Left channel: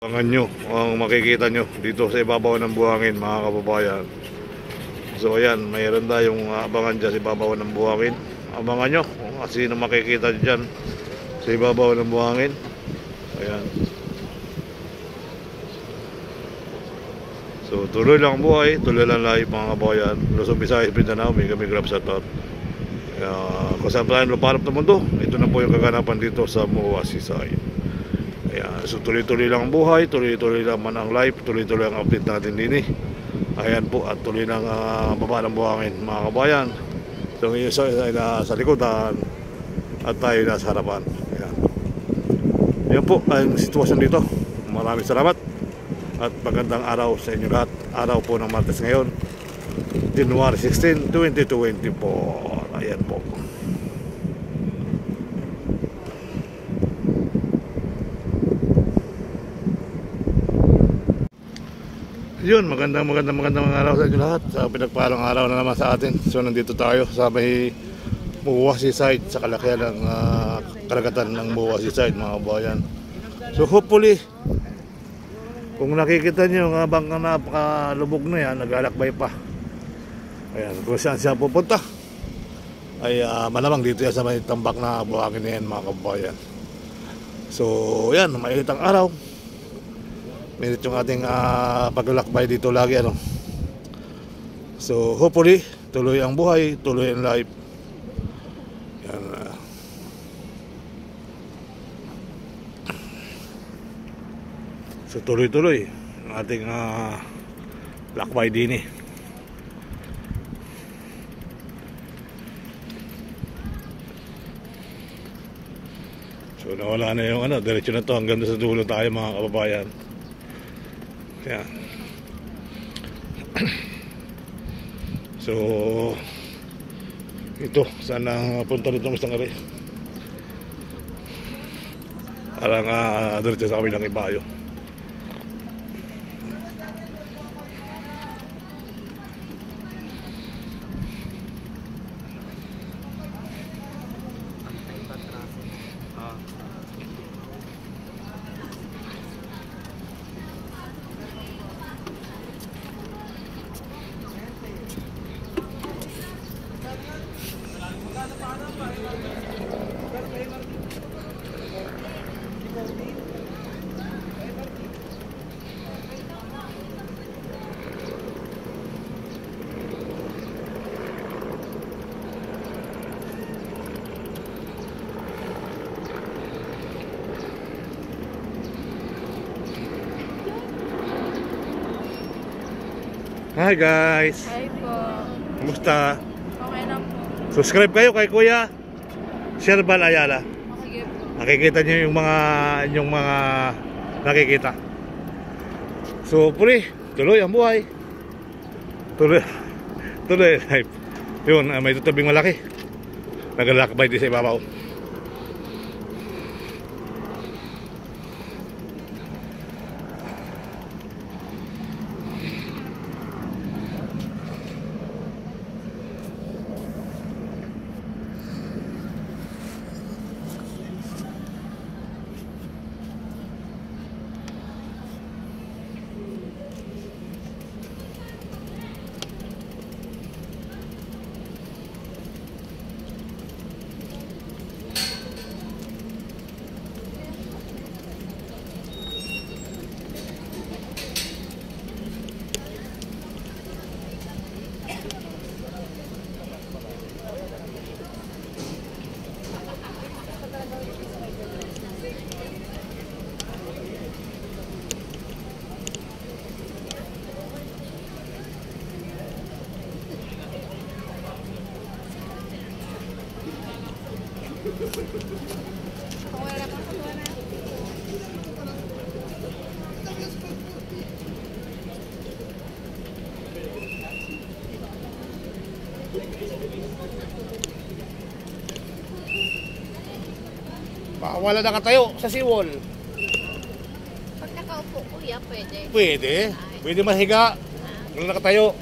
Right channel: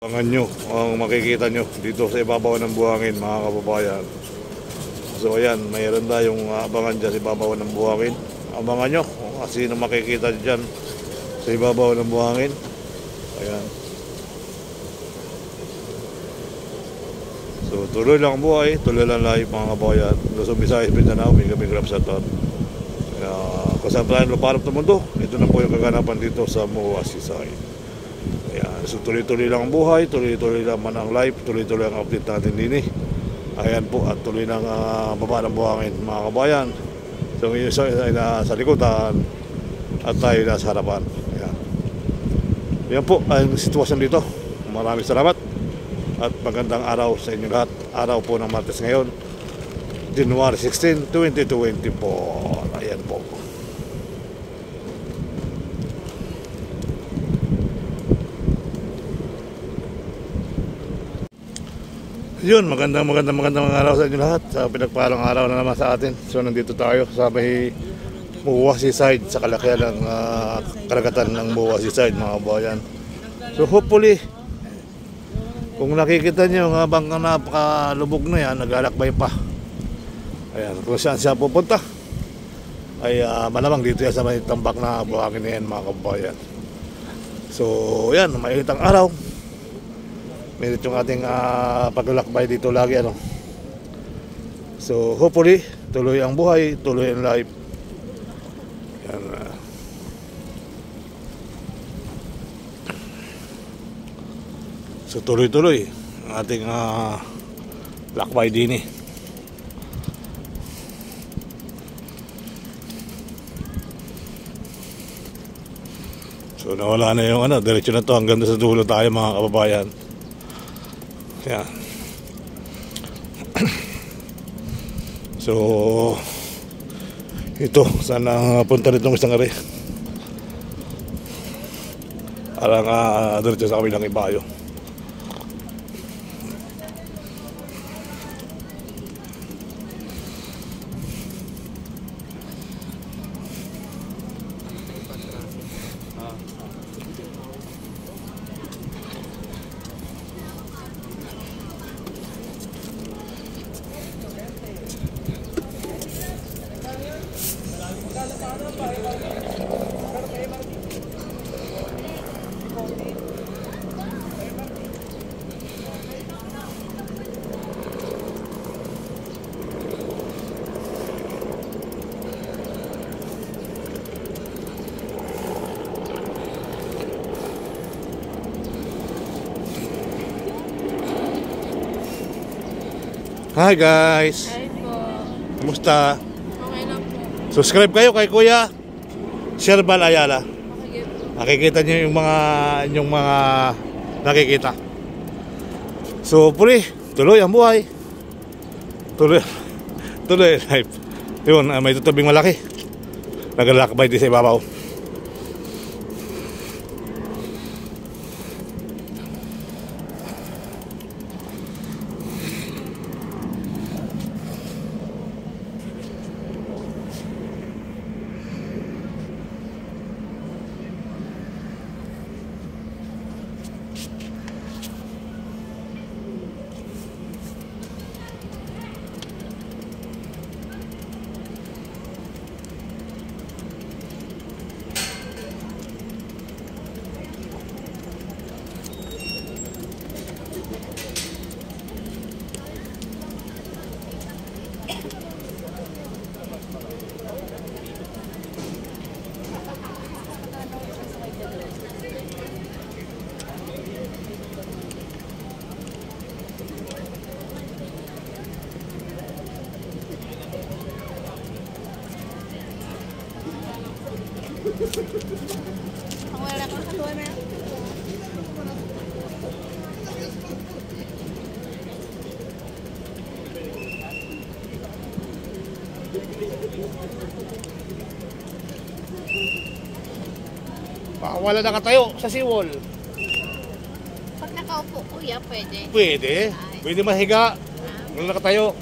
Abangan nyo ang makikita nyo dito sa ibabaw ng buhangin, mga kababayan. So ayan, mayroon tayong abangan dyan sa ibabaw ng buhangin. Abangan nyo kung sino makikita dyan sa ibabaw ng buhangin. Ayan. So tuloy lang buhay, tuloy lang live, mga kababayan. Luzon, Visayas, Mindanao, may kami grab sa tot. Kung saan tayo luparap ng mundo, ito na po yung kaganapan dito sa MOA Seaside. Ayan, so tuloy-tuloy lang ang buhay, tuloy-tuloy lang man ang live, tuloy-tuloy ang update natin din eh. Ayan po, at tuloy lang baba ng buhangin, mga kabayan. So yung isa ay nasa likodan at tayo nasa harapan. Ayan. Yan po ang sitwasyon dito. Maraming salamat at magandang araw sa inyo lahat. Araw po ng Martes ngayon, January 16, 2024. Ayan po. Yun, magandang araw sa inyo lahat. Sa pinagpalang araw na naman sa atin. So nandito tayo sa may MOA Seaside, sa kalakihan ng karagatan ng MOA Seaside, mga kabayan. So hopefully, kung nakikita nyo habang napakalubog na yan, naglalakbay pa. Ayan, kung saan siya pupunta ay malamang dito yan sa may tambak na buhangin na yan, mga kabayan. So yan, mainit ang araw. Minit yung ating paglalakbay dito lagi, ano. So hopefully tuloy ang buhay, tuloy ang life. Yan. So tuloy-tuloy ang ating lakbay din eh. So nawala na yung diretso na to hanggang sa dulo tayo, mga kababayan. Yeah. So ito, sana punta nitong isang ari. Parang diretso sa kabilang ibayo. Hi guys! Hi po. Kumusta? Okay lang po. Subscribe kayo kay Kuya Sherbal Ayala. Okay po. Nakikita niyo yung mga nakikita. So tuloy ang buhay. Tuloy life. Yun, may tutubing malaki. Naglalakbay din sa ibabaw. Wala nakatayo sa seawall. Pag nakaupo, kuya, pwede? Pwede. Pwede mahiga. Wala nakatayo.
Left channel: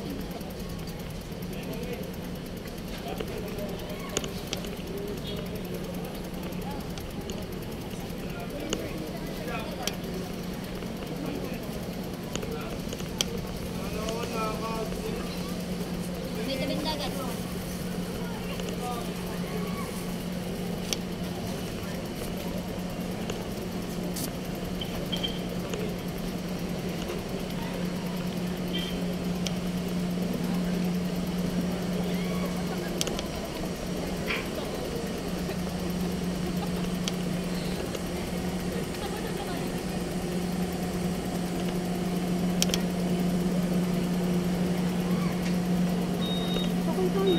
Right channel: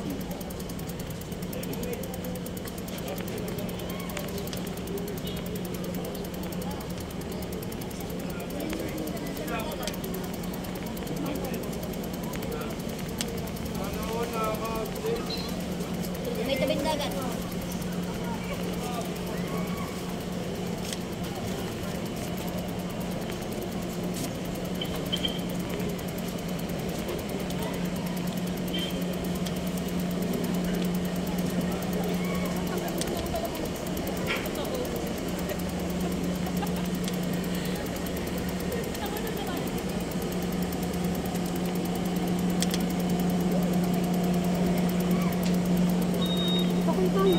Kasi,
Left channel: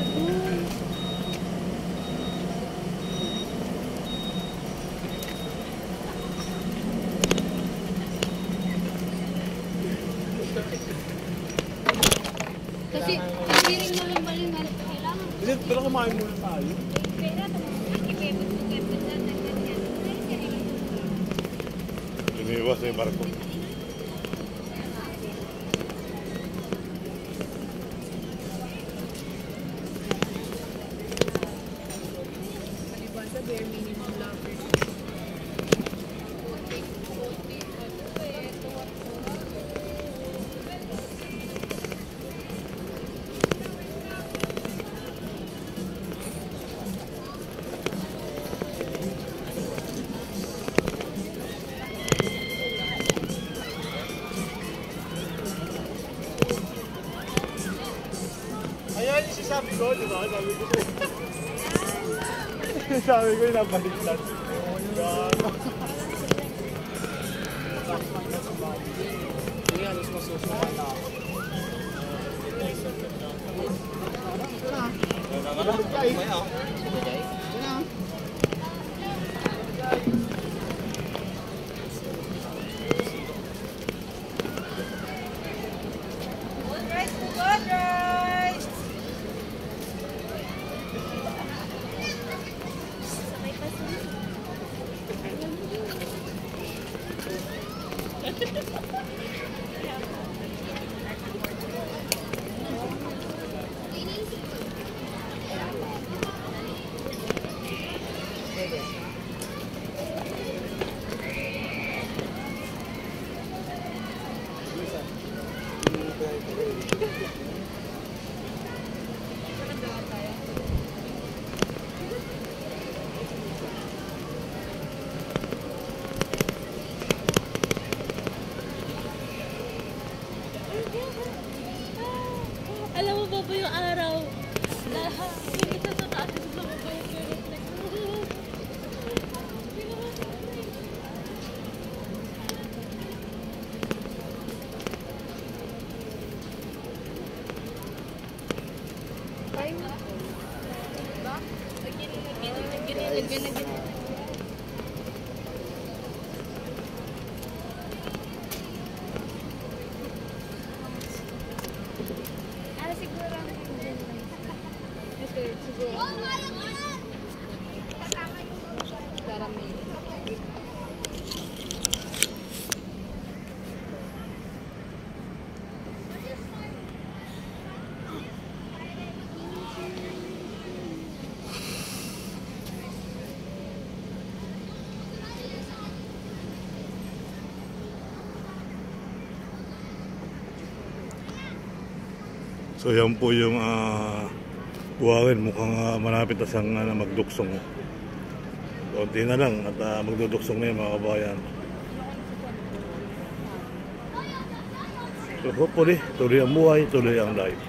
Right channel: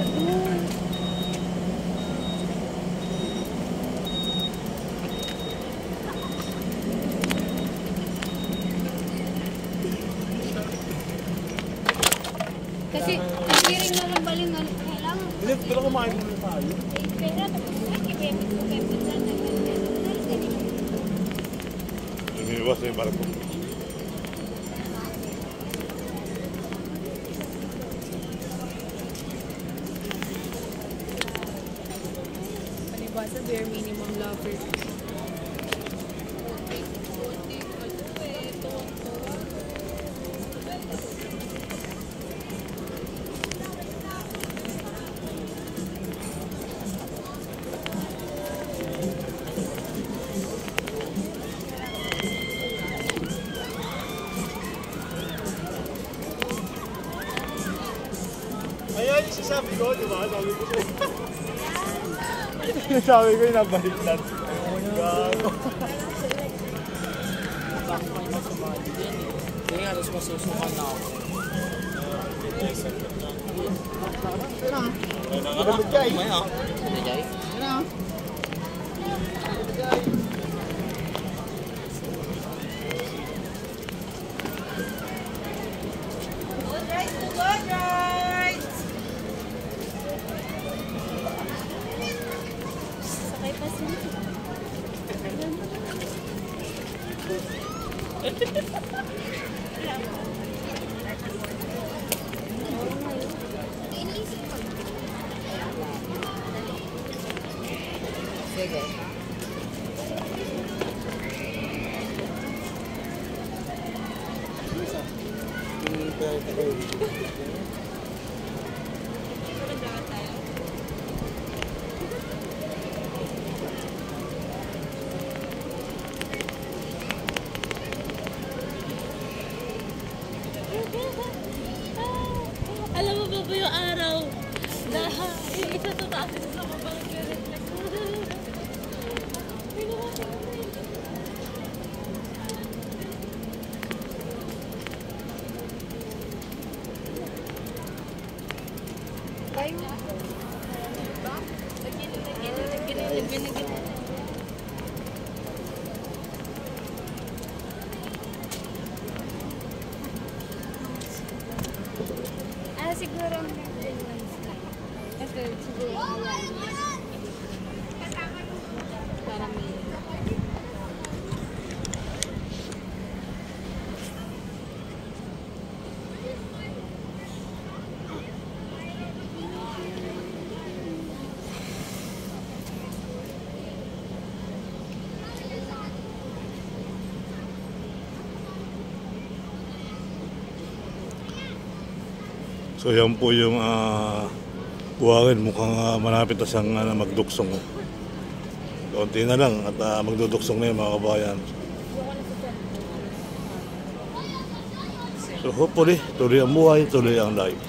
hindi rin nalang baling na kailangan. Pero kumain mo tayo. Pera, tapos nakikipipit ko kayo dyan. Lumiwas yung barko. Palibasa, bare minimum lang for Ayan yung sinasabi ko, di ba? Sabi ko. Sabi ko yung nabaliktad. Hindi nga, mas masusunod na ako. Alam mo ba yung araw? Dahil yung isa sa taas, isa sa baba nag-reflect. Ay, ba? Lagyan na ganyan. Siguro. Ito, siguro. Para may... So yan po yung buhangin, mukhang malapit na siyang magduksong. Konti na lang at magduduksong na yung mga kabayan. So hopefully, tuloy ang buhay, tuloy ang life.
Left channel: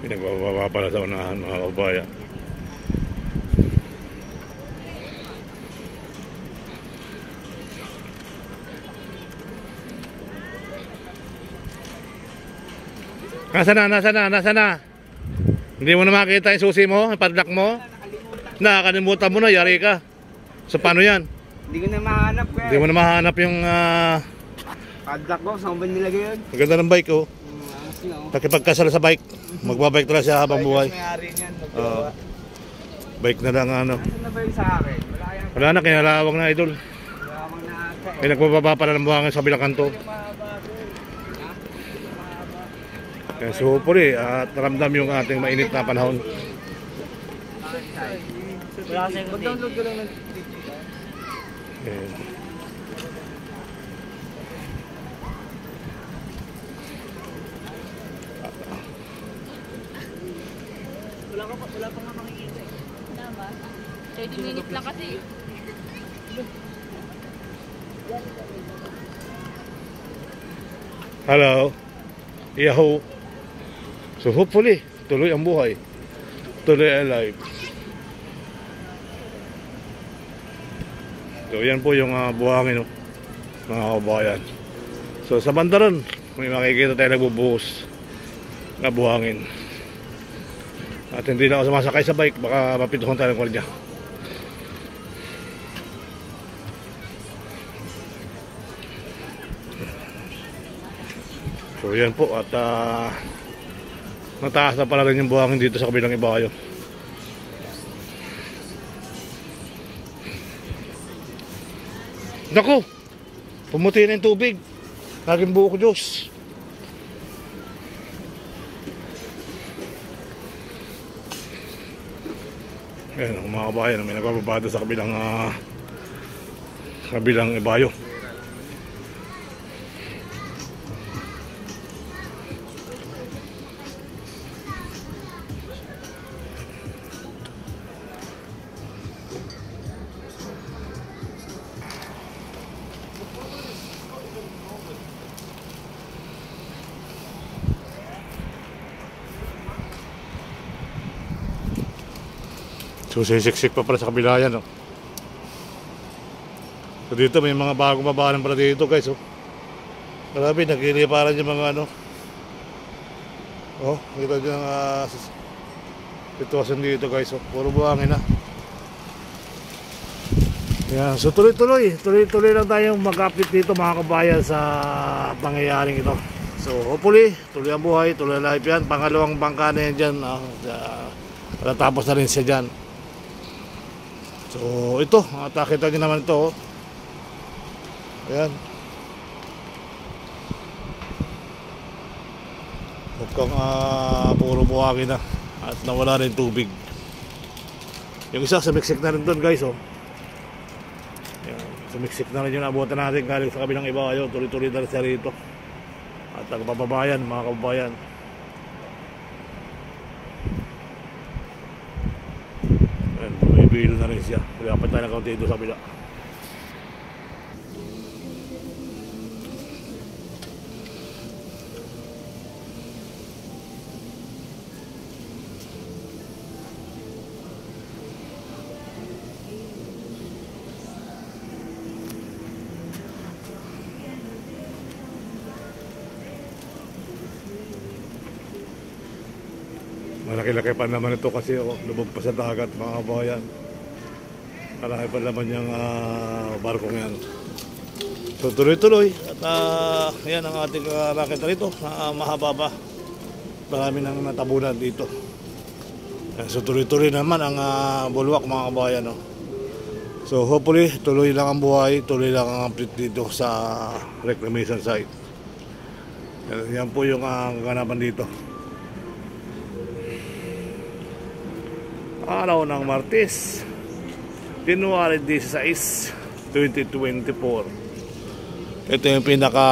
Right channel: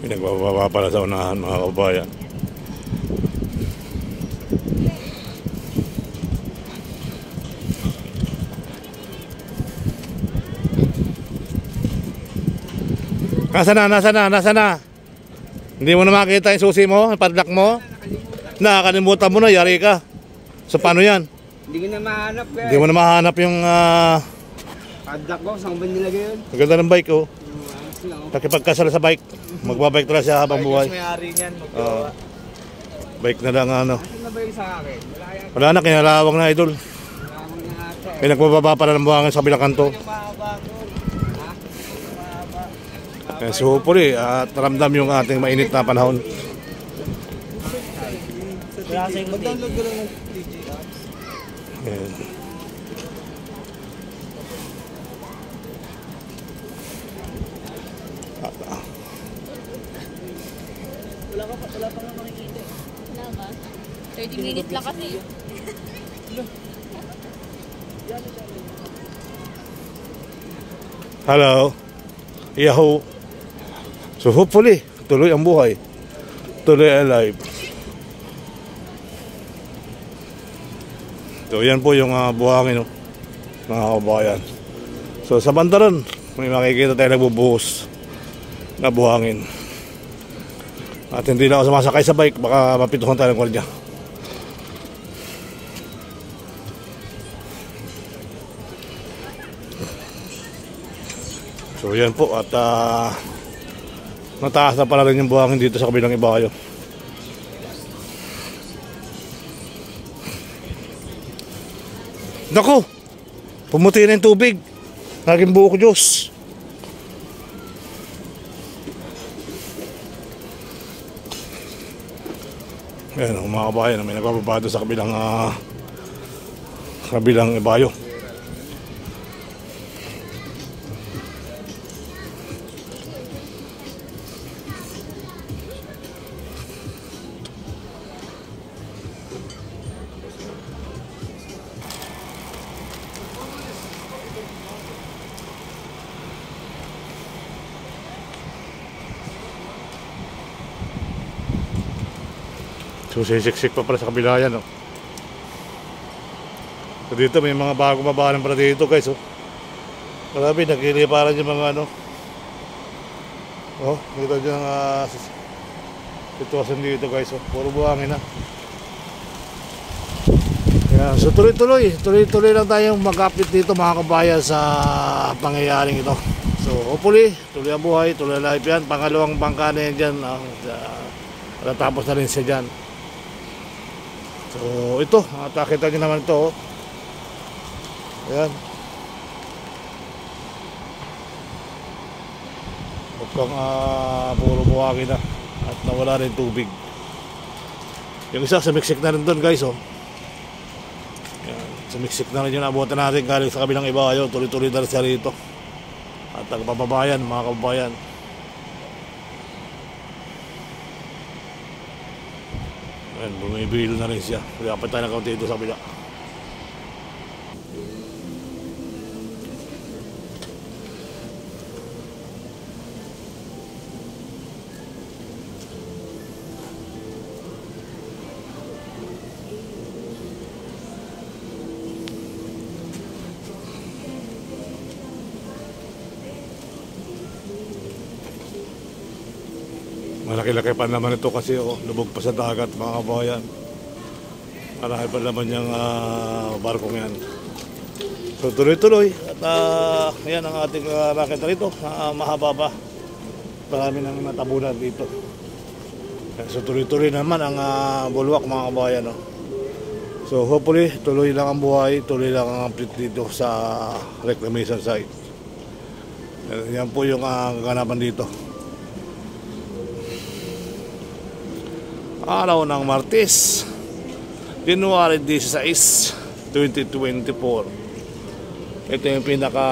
Pinagbababa pala sa unahan mga kabayan. Nasa na? Hindi mo na makita yung susi mo, yung padlock mo? Nakakalimutan mo na, yari ka. So paano yan? Hindi ko na mahanap ka. Hindi mo na mahanap yung Padlock ko, saan ba nilagay yun? ang ganda ng bike oh. Ayos na oh. Pakipagkasal sa bike. Magbabike talaga siya habang buhay. May-ari niyan. Bike na lang ano. Ano na ba yung sa akin? Wala yan. Wala na, kinalawag na idol. Wala mo na ata eh. May nagbababa pala ng buhangin sa bilang kanto. Kaya so hopefully, at ramdam yung ating mainit na panahon. Mag-download ko lang ng digital. Ayan. Wala pa nga makikita eh. Wala ba? 30 minutes lang kasi. Hello. Yahoo. So hopefully, tuloy ang buhay. Tuloy alive. So yan po yung buhangin, no, mga kabayan. So sa banda ron, may makikita tayo nagbubuhos na buhangin. At hindi na ako sumasakay sa bike, baka mapituhan tayo ng kwardiya. So yan po, at mataas na pala rin yung buhangin dito sa kabilang ibayo. Naku, pumuti na yung tubig. Naging buo ko, Diyos. Ayan ako mga kabayan, may nagbababa sa kabilang ibayo. So sisiksik pa pala sa kabila yan, no? So dito may mga bagong mabahanan pala dito, guys, oh. Grabe, nagkiliparan yung mga ano. Oh, dito yung sitwasyon dito, guys, oh. Puro buhangin na. Yan, so tuloy-tuloy lang tayong mag-update dito, mga kabayan, sa pangyayaring ito. So hopefully, tuloy ang buhay, tuloy ang life yan. Pangalawang bangka na yan dyan, matatapos na rin siya dyan. So ito, nakita nyo naman ito, oh. Ayan. Mukhang puro buhangin na at nawala rin tubig. Yung isa sumiksik na rin doon, guys, oh. Ayan, sumiksik na rin yung abutan natin galing sa kabilang ibayo. Tuloy-tuloy na rin siya rito. At ang pababayan, mga kababayan, ayan, bumibilo na rin siya. Dapat tayo na kaunti dito sa kabila. Malaki-laki pa naman ito kasi, oh, lubog pa sa dagat, mga kabayan. Malaki pa naman yung barkong yan. So tuloy-tuloy at yan ang ating nakita rito, mahaba pa. Marami nang natabunan dito. So tuloy-tuloy naman ang bulwak, mga kabayan, oh. So hopefully tuloy lang ang buhay, tuloy lang ang update dito sa reclamation site. Yan po yung kaganapan dito. Araw ng Martes, January 16, 2024. Ito yung pinaka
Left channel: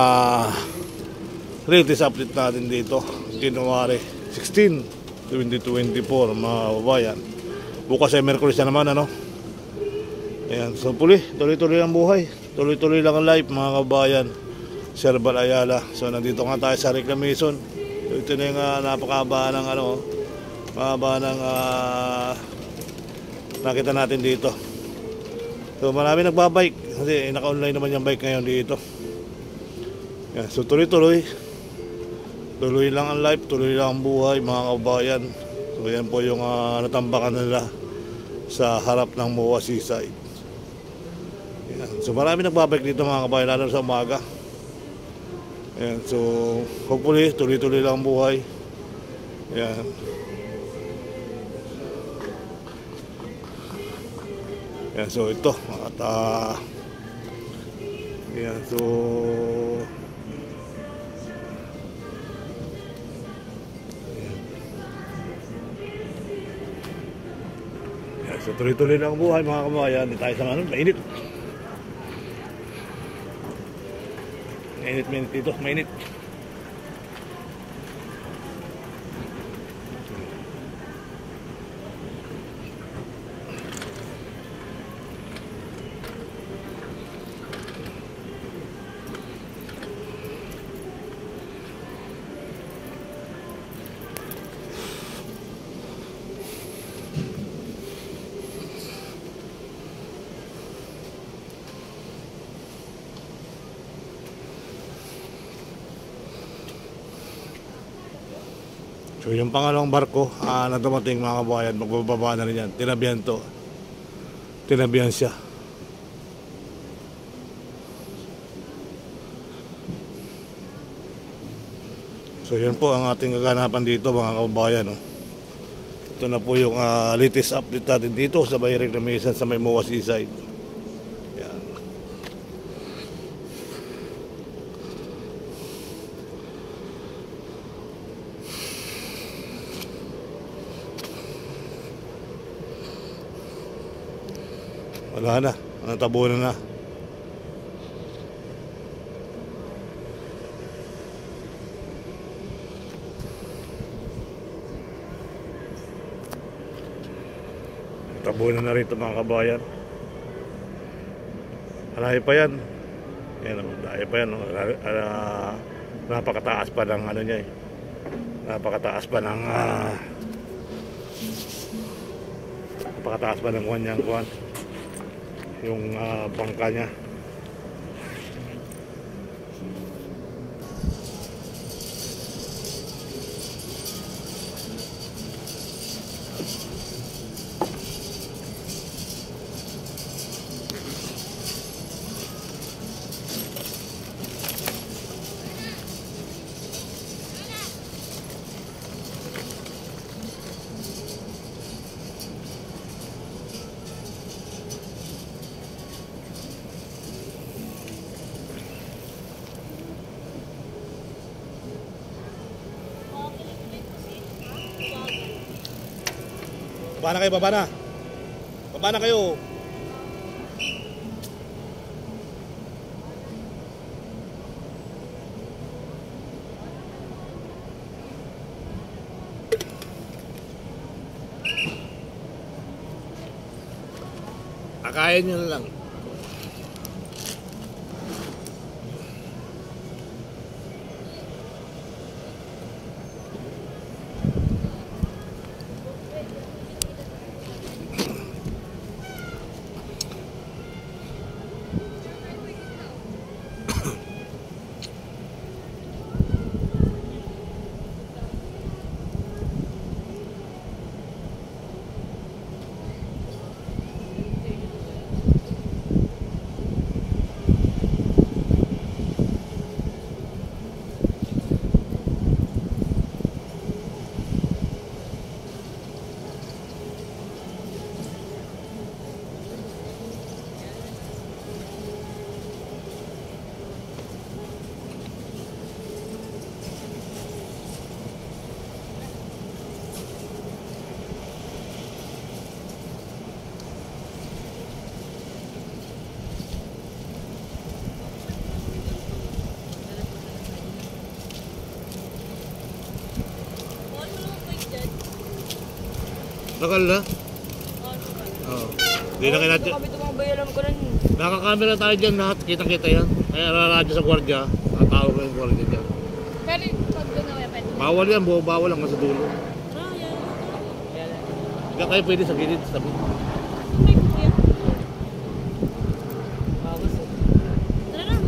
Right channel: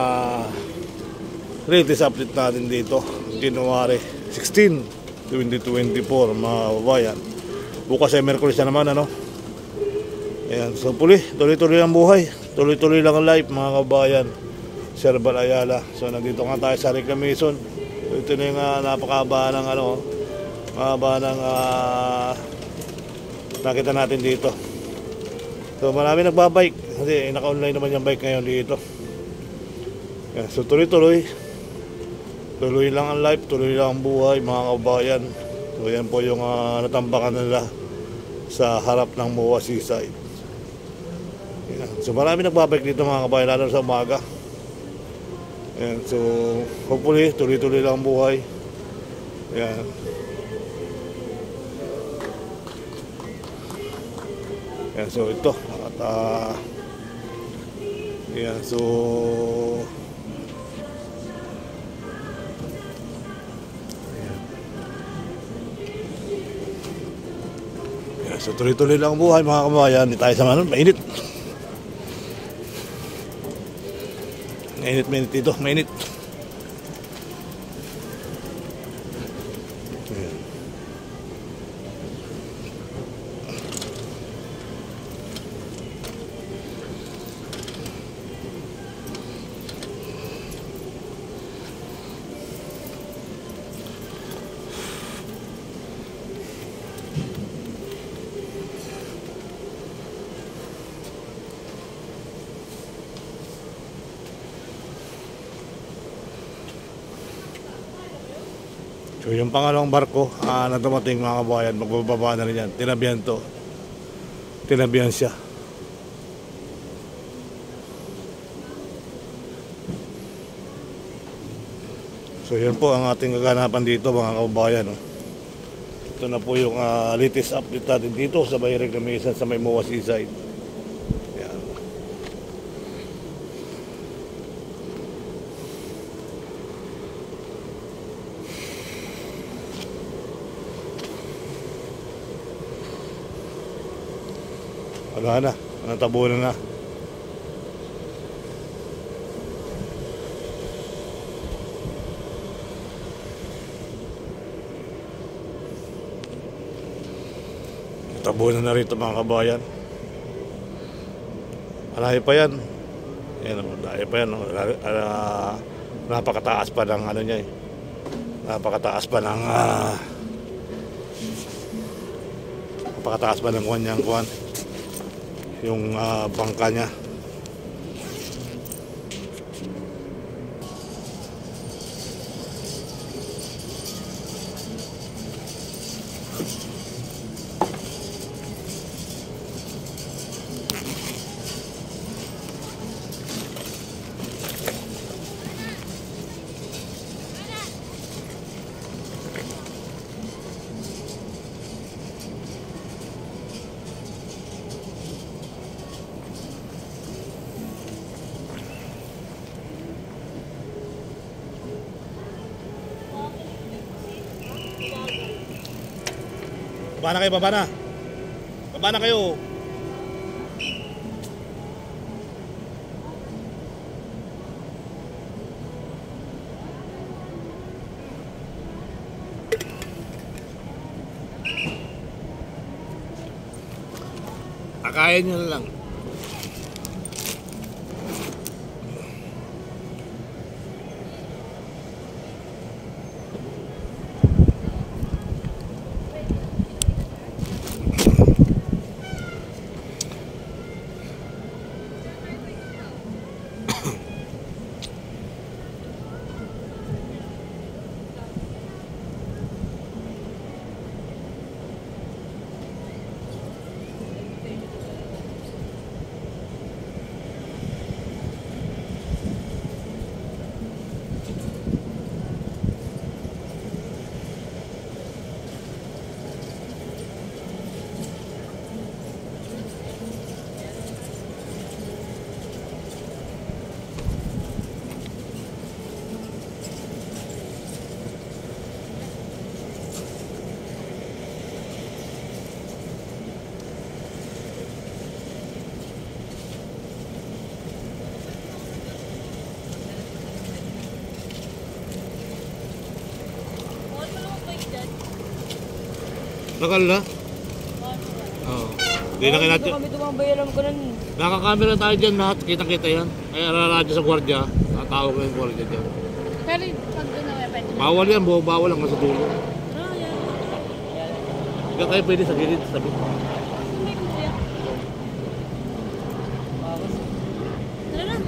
latest update natin dito, January 16, 2024, mga babayan. Bukas ay Merkulis na naman, ano? Ayan, so tuloy-tuloy ang buhay, tuloy-tuloy lang ang life, mga kabayan. Sir Bal Ayala. So nandito nga tayo sa reclamation. So, ito na yung napakahaba ng mahaba ng nakita natin dito. So marami nagbabike kasi naka-online naman yung bike ngayon dito. Yan, so tuloy-tuloy lang ang life, tuloy lang ang buhay, mga kabayan. So yan po yung natambakan nila sa harap ng MOA Seaside. Yan, so marami nagbabike dito, mga kabayan, lalo sa umaga. Yan, so hopefully tuloy-tuloy lang ang buhay. Yan. Yan, so ito at yan, so ayan. Yan, so tuloy-tuloy lang ang buhay, mga kabayan. Hindi tayo sa mainit. Mainit dito, mainit. So yung pangalawang barko na dumating mga kabayan, magbababa na rin yan. Tinabihan to. Tinabihan siya. So yun po ang ating kaganapan dito mga kabayan. Oh. Ito na po yung latest update natin dito sa Bayreg na Misan sa may MOA Seaside. Yan. Wala na, natabunan na. Tabunan na rito mga kabayan. Malayo pa yan. Yan, malayo pa yan. Napakataas pa ng ano niya eh. Napakataas pa ng napakataas pa ng kanyang kuwan. Yung bangka niya. Baba na kayo, baba na. Baba na kayo. Akayin nyo na lang. Nakal na? Oo. Hindi na kinatya. Kami tumabayaran ko rin. Nakakamera tayo dyan lahat. Kitang-kita yan. Kaya raradyo sa gwardiya. Tatawag ko yung gwardiya dyan. Pero pag doon na kaya pwede. Bawal yan. Bawal lang sa dulo. Hindi kayo pwede sa gilid. Sa tabi. Hindi ko kuya. Tara na.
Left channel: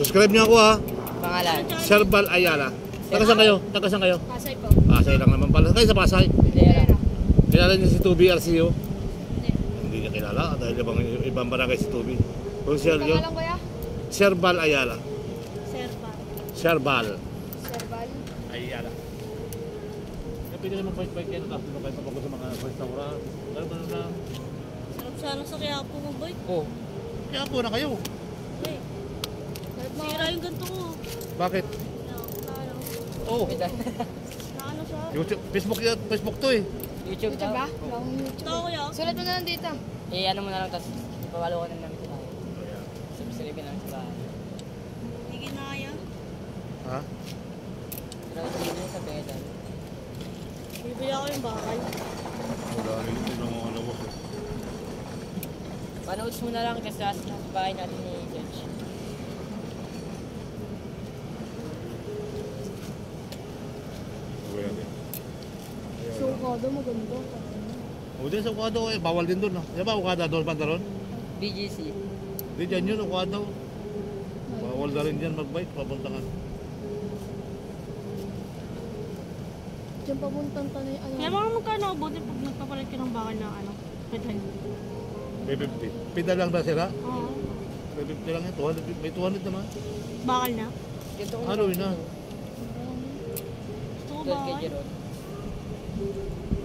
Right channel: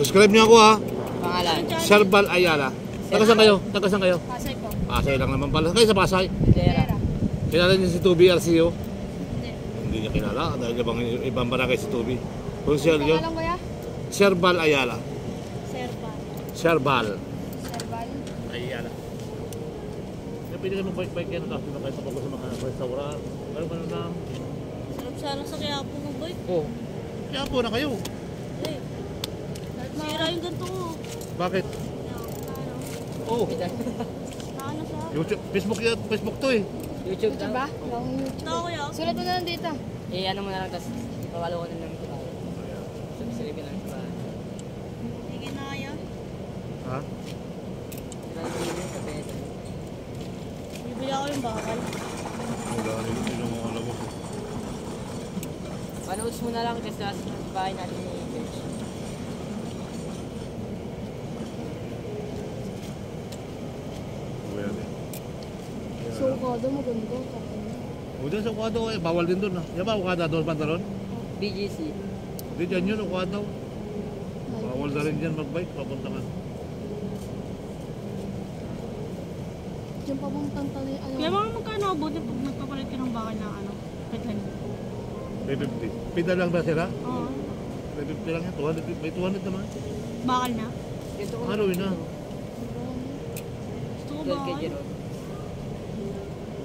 Subscribe niyo ako ha. Pangalan? Serbal Ayala. Tagasan kayo? Tagasan kayo? Pasay po. Pasay lang naman pala. Kayo sa Pasay. Pera. Kilala niyo si Tubi RCO? Hindi. Hindi niya kilala. Dahil ibang barangay si Tubi. Konsel yun. Alam kuya? Serbal Ayala. Serba. Serbal Serbal. Ayala. Kaya pwede kayo mag-bike-bike yan. Tapos doon kayo tapos sa mga restaurant. Pero ganun lang. Sarap-sarap sa kaya po mo boy. Oh. Kaya po na kayo. Eh. Sira yung ganito ko. Bakit? Oh. Naano siya? YouTube, Facebook to eh. YouTube daw. ba? Tao kuya. Sulat mo na lang dito. Ano mo na lang, tapos pawalo ko na namin tayo. Subscribe na lang sa bahay. Sige na kaya. Ha? Nag-TV sa pwede. Bibili ako yung bakal. Wala rin. Hindi mo alam mo. Panood mo na lang kasi sa bahay natin ni George. So, kado maganda. O dyan sa Ukado eh. Bawal din doon. Yan ba Ukada doon pantalon? BGC. Hindi dyan yun Ukado. Bawal na rin dyan mag-bike. Papunta ka. Yung papuntang pala yung ano. Kaya mga magkano abutin pag nagpapalit ka ng bakal ng ano? Pedal. 350. Pida lang na sila. Oo. 350 lang yan. 200, may 200 naman. Bakal na? Ito, Ano yun na? Gusto ko 12 kg bakal. ron.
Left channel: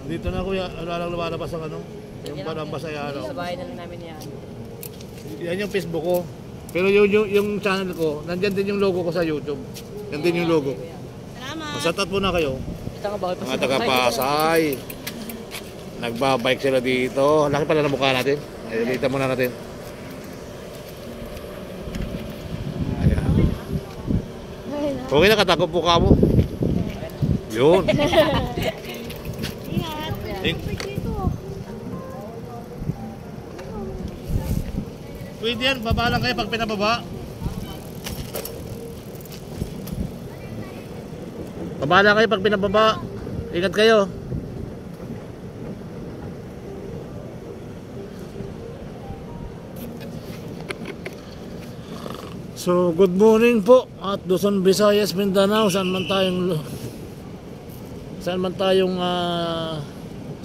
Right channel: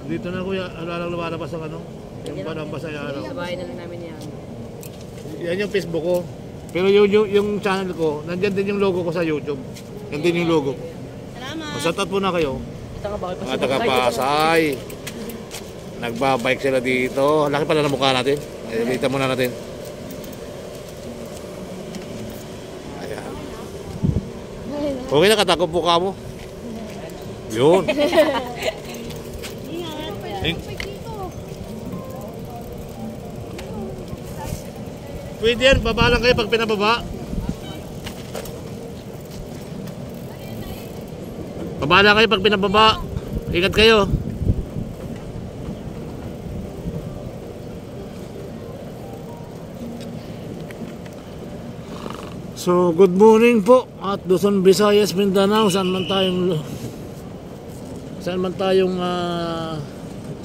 Nandito na kuya. Ano lang lumalabas ang ano? Yung panambas ay ano. Sa bahay na lang namin yan. Yan yung Facebook ko. Pero yung channel ko, nandyan din yung logo ko sa YouTube. Yan din yung logo ko. Salamat. Masatat po na kayo. Ito nga bakit Mga taga-Pasay. Nagbabike sila dito. Laki pala ng mukha natin. Ay, dito muna natin. Ayan. Okay na, katakot po ka mo. Yun. Ingat. Pwede yan, baba lang kayo pag pinababa. Baba lang kayo pag pinababa. Ingat kayo. So, good morning po at Luzon, Visayas, Mindanao, saan man tayong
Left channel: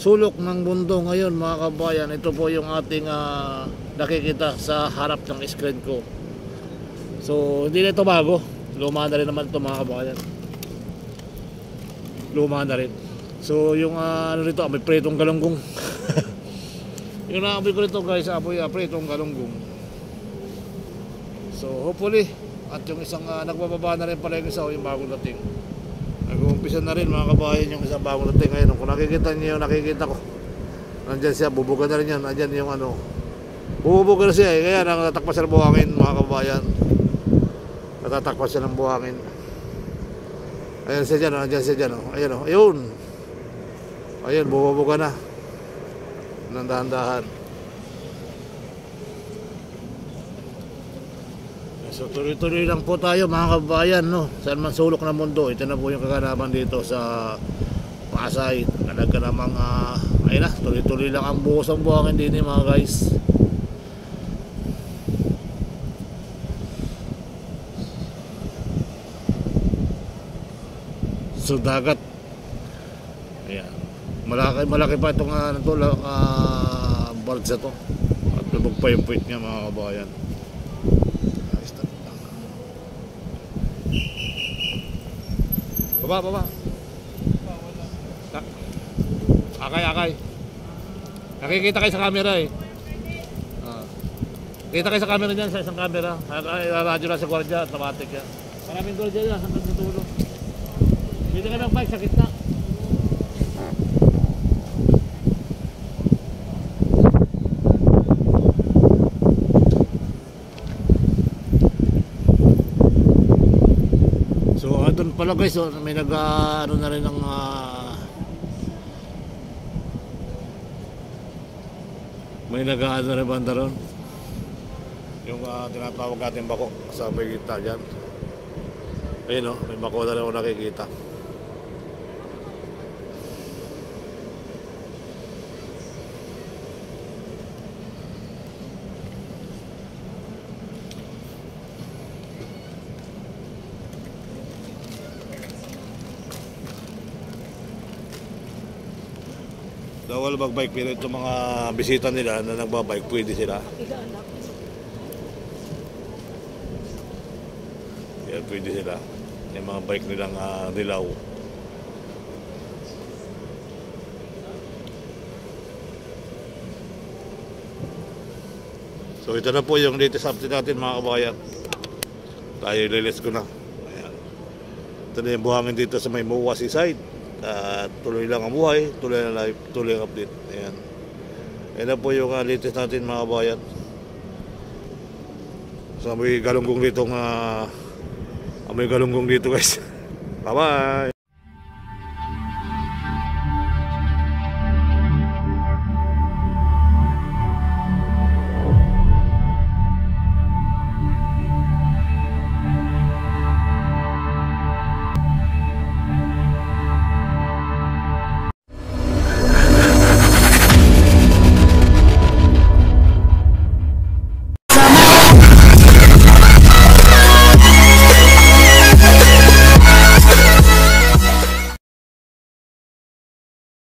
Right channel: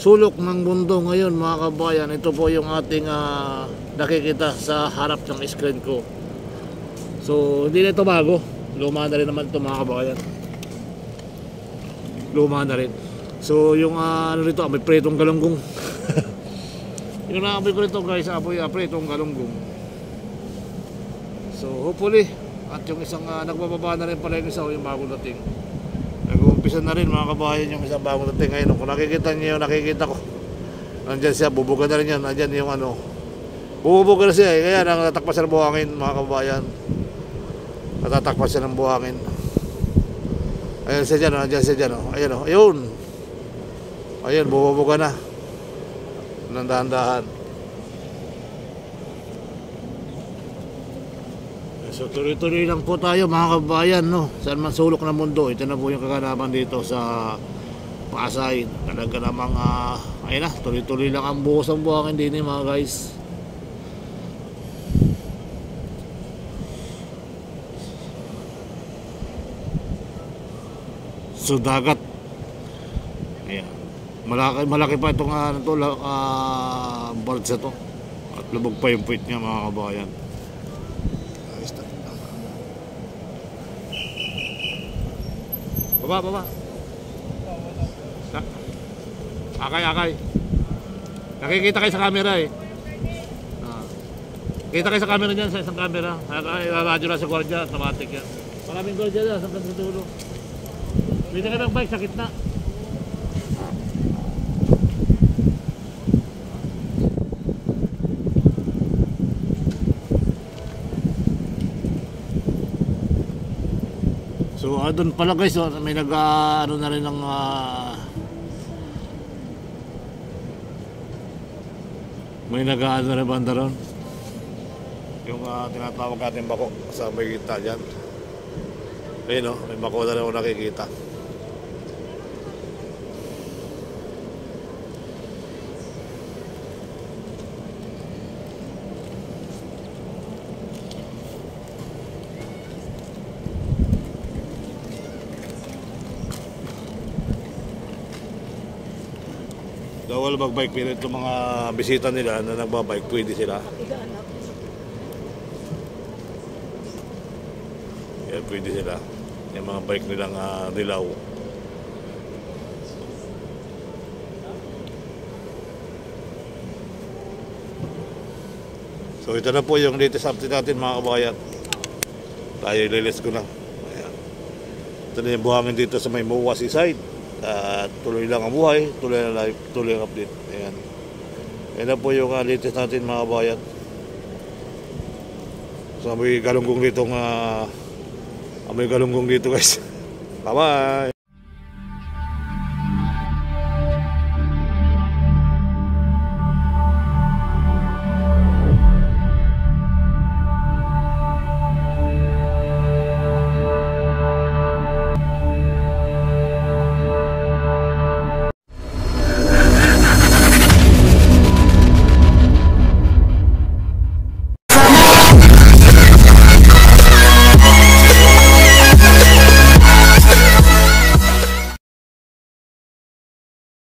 sulok ng mundo ngayon mga kabayan. Ito po yung ating nakikita sa harap ng screen ko. So, hindi na ito bago. Luma na rin naman ito mga kabayan. Luma na rin. So, yung ano rito, may pritong galunggong. Yung naamoy ko rito guys, pritong galunggong. So hopefully, at yung isang nagbababa na rin pala yung isa, yung bagong dating. Nag-uumpisa na rin mga kabayan yung isang bagong dating ngayon. Kung nakikita niyo yung nakikita ko, nandyan siya, bubuga na rin yan. Nandyan yung ano, bubuga na siya eh. Kaya natatakpas siya ng buhangin mga kabayan. Natatakpas siya ng buhangin. Ayan siya dyan, nandyan siya dyan. Ayan o, ayun. Ayan, bubuga na. Nandahan-dahan. So tuloy-tuloy lang po tayo mga kabayan, no? Saan man sulok ng mundo. Ito na po yung kaganapan dito sa Pasay. Talaga namang ayun na, tuloy-tuloy lang ang buhos ang buhangin din mga guys. So dagat. Ayan. Malaki pa itong barge to. At lubog pa yung puwit niya mga kabayan. Baba. Akay. Nakikita kayo sa camera eh. Kita kayo sa camera dyan, sa isang camera. Radyo lang sa gwardiya, automatic yan. Maraming gwardiya dyan, sa dulo. Pwede ka ng bike sa kitna. So doon pala guys, may ano na rin ng may ano na rin banda ron. Yung tinatawag natin bako sa may kita dyan. Ayun o, may bako na rin ako nakikita. Bawal magbike pero itong mga bisita nila na nagbabike pwede sila. Yeah, pwede sila. Yung mga bike nilang dilaw. So ito na po yung latest update natin mga kabayan. Tayo lilis ko na. Ayan. Ito na yung buhangin dito sa may MOA Seaside. Tuloy lang ang buhay, tuloy ang life, tuloy ang update. Ayan. Ayan na po yung latest natin mga kabayan. So may galunggong dito guys. Bye bye.